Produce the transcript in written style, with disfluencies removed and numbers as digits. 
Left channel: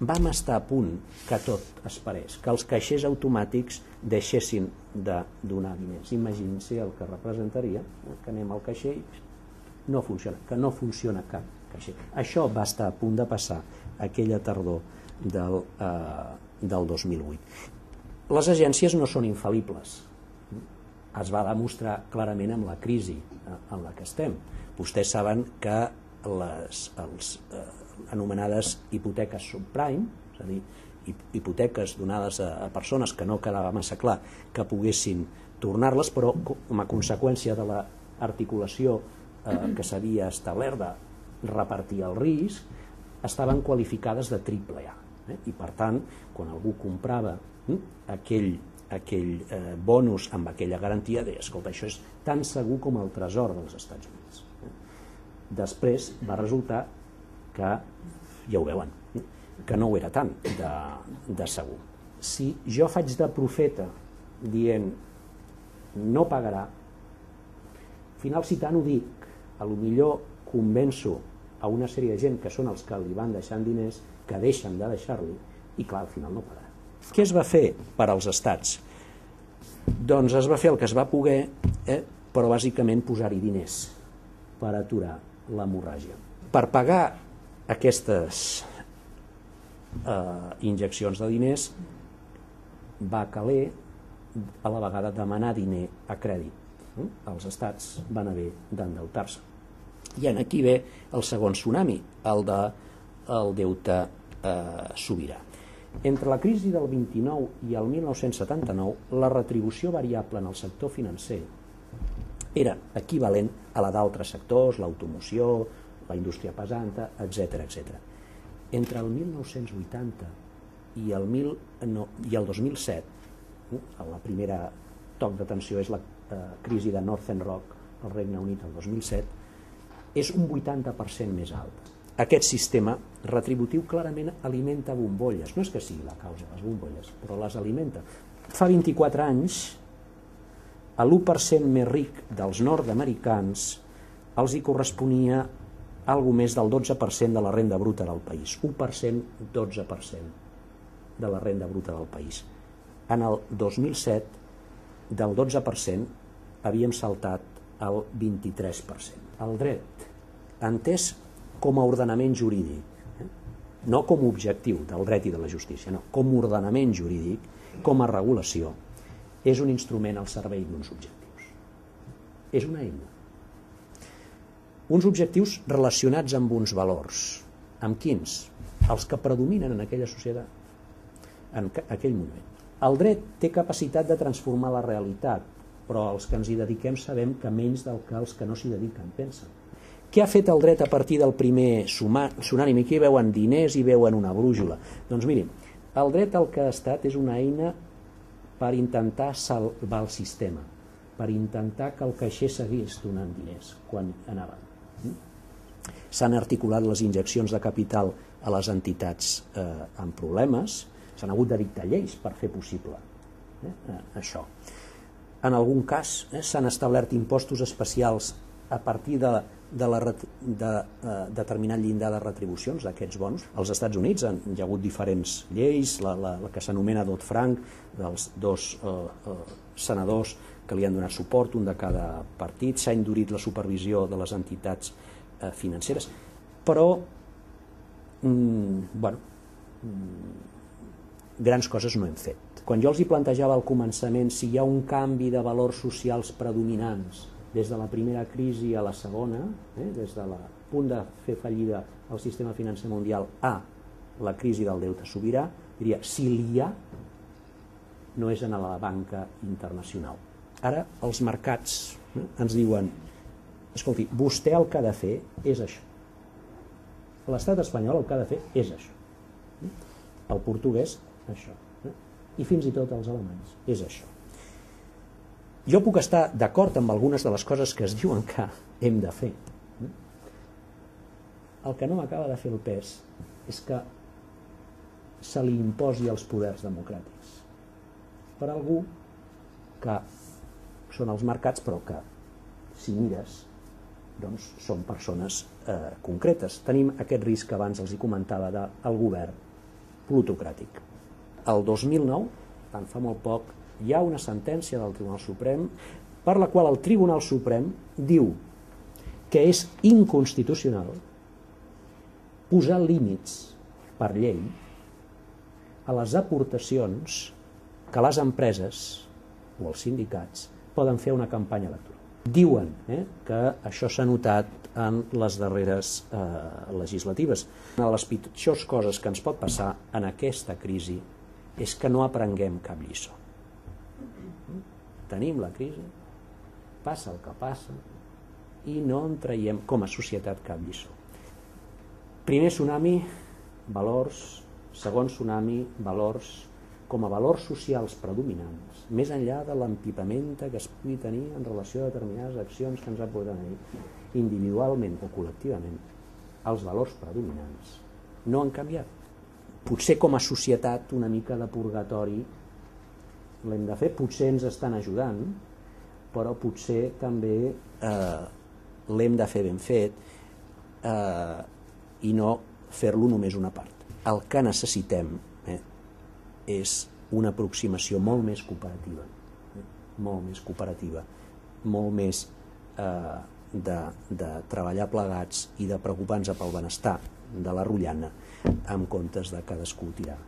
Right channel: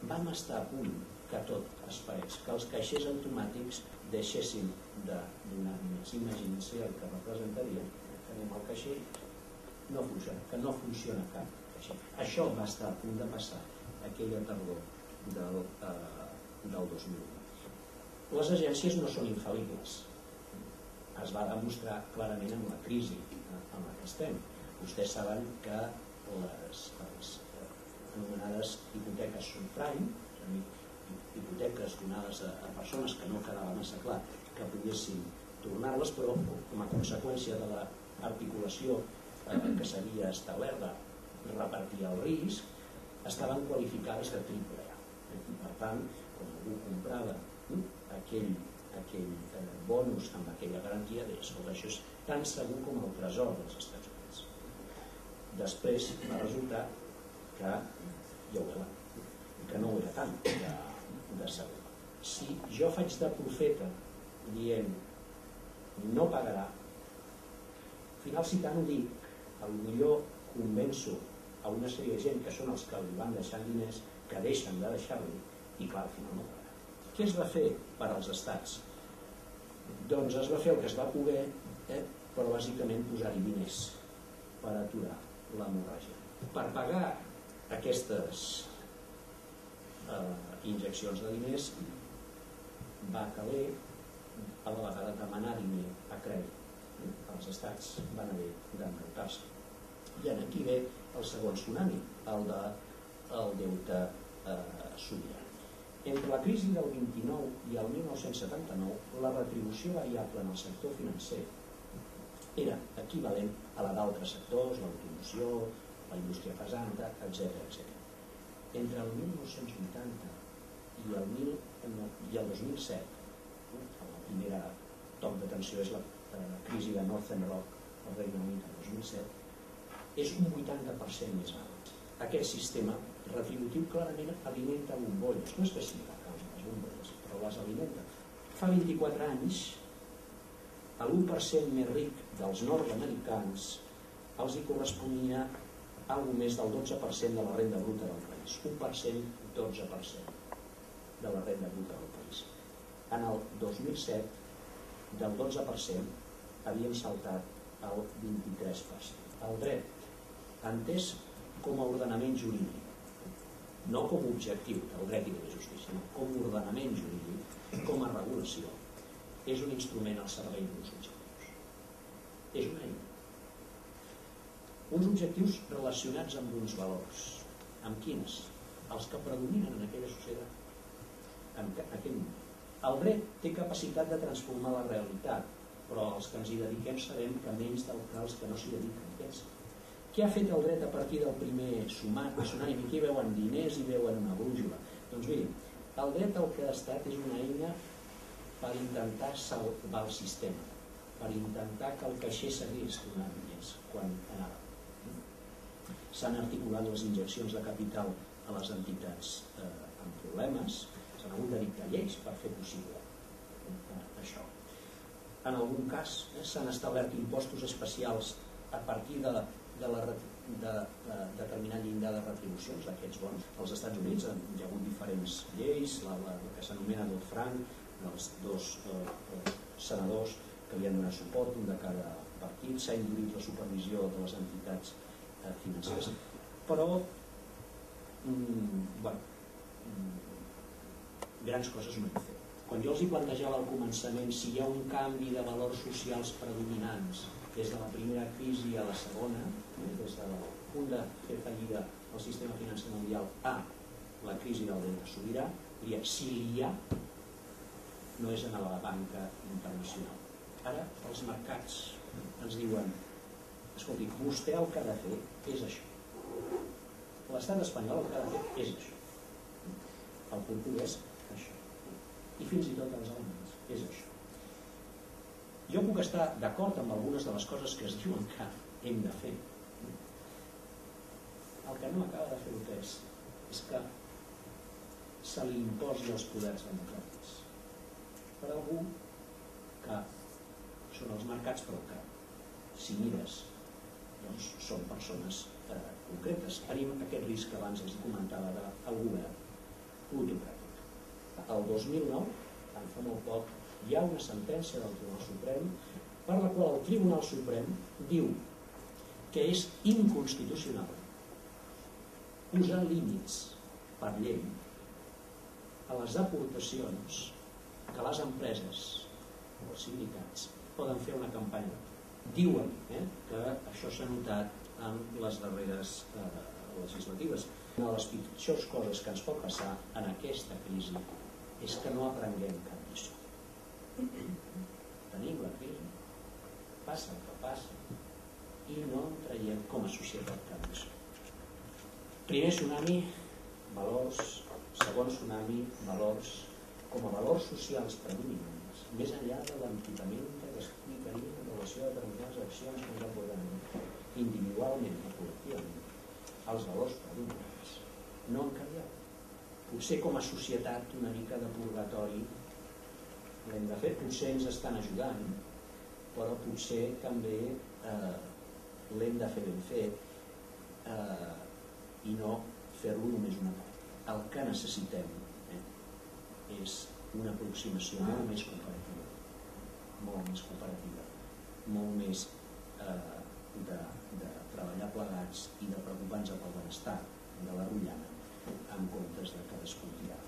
vam estar a punt que tot es parés, que els caixers automàtics deixessin de donar diners. Imaginin-se el que representaria que anem al caixer i que no funciona cap caixer. Això va estar a punt de passar aquella tardor del 2008. Les agències no són infal·libles. Es va demostrar clarament amb la crisi en la que estem. Vostès saben que les anomenades hipoteques subprime, és a dir, hipoteques donades a persones que no quedava massa clar que poguessin tornar-les, però com a conseqüència de l'articulació que s'havia establert de repartir el risc, estaven qualificades de AAA. I per tant, quan algú comprava aquell bonus amb aquella garantia, deia, escolta, això és tan segur com el tresor dels Estats Units. Després va resultar que, ja ho veuen, que no ho era tant de segur. Si jo faig de profeta dient no pagarà, al final si tant ho dic, potser convenço a una sèrie de gent que són els que li van deixant diners, que deixen de deixar-li, i clar, al final no pagarà. Què es va fer per als estats? Doncs es va fer el que es va poder, però bàsicament posar-hi diners per aturar l'hemorràgia. Per pagar aquestes injeccions de diners va caler a la vegada demanar diner a crèdit. Els estats van haver d'endeutar-se. I aquí ve el segon tsunami, el del deute sobirà. Entre la crisi del 29 i el 1979, la retribució variable en el sector financer era equivalent a la d'altres sectors, l'automoció, la indústria pesant, etc. Entre el 1980 i el 2007, la primera toc d'atenció és la crisi de Northern Rock al Regne Unit el 2007, és un 80% més alt. Aquest sistema retributiu clarament alimenta bombolles. No és que sigui la causa de les bombolles, però les alimenta. Fa 24 anys, a l'1% més ric dels nord-americans els hi corresponia algo més del 12% de la renda bruta del país. 1%, 12% de la renda bruta del país. En el 2007, del 12%, havíem saltat al 23%. El dret, entès com a ordenament jurídic, no com a objectiu del dret i de la justícia, no, com a ordenament jurídic, com a regulació, és un instrument al servei d'uns objectius. És una eina. Uns objectius relacionats amb uns valors. Amb quins? Els que predominen en aquella societat, en aquell moment. El dret té capacitat de transformar la realitat, però els que ens hi dediquem sabem que menys del que els que no s'hi dediquen pensen. Què ha fet el dret a partir del primer tsunami? Aquí veuen diners i veuen una brújula. Doncs mirin, el dret el que ha estat és una eina per intentar salvar el sistema, per intentar que el caixer seguís donant diners quan anava. S'han articulat les injeccions de capital a les entitats amb problemes, s'han hagut de dictar lleis per fer possible això. En algun cas s'han establert impostos especials a partir de determinat llindar de retribucions d'aquests bons. Als Estats Units hi ha hagut diferents lleis, la que s'anomena Dodd-Frank, dels dos senadors que li han donat suport, un de cada partit, s'ha endurit la supervisió de les entitats financeres, però grans coses no hem fet. Quan jo els hi plantejava al començament si hi ha un canvi de valors socials predominants des de la primera crisi a la segona, des del punt de fer fallida el sistema financer mundial a la crisi del deute sobirà, diria, si l'hi ha, no és en la banca internacional. Ara els mercats ens diuen, escolti, vostè el que ha de fer és això. L'estat espanyol el que ha de fer és això. El portuguès, això. I fins i tot els alemanys, és això. Jo puc estar d'acord amb algunes de les coses que es diuen que hem de fer. El que no m'acaba de fer el pes és que se li imposi als poders democràtics per algú que són els mercats, però que, si mires, doncs són persones concretes. Tenim aquest risc que abans els hi comentava del govern plutocràtic. El 2009, tant fa molt poc, hi ha una sentència del Tribunal Suprem per la qual el Tribunal Suprem diu que és inconstitucional posar límits per llei a les aportacions que les empreses o els sindicats poden fer una campanya electoral. Diuen que això s'ha notat en les darreres legislatives. Una de les pitjors coses que ens pot passar en aquesta crisi és que no aprenguem cap lliçó. Tenim la crisi, passa el que passa i no en traiem com a societat cap lliçó. Primer tsunami, valors. Segon tsunami, valors. Com a valors socials predominants, més enllà de l'empitament que es pugui tenir en relació a determinades accions que ens apoden individualment o col·lectivament, els valors predominants no han canviat. Potser com a societat una mica de purgatori l'hem de fer, potser ens estan ajudant, però potser també l'hem de fer ben fet i no fer-lo només una part. El que necessitem és una aproximació molt més cooperativa, molt més de treballar plegats i de preocupar-nos pel benestar de la rotllana en comptes de cadascú tirar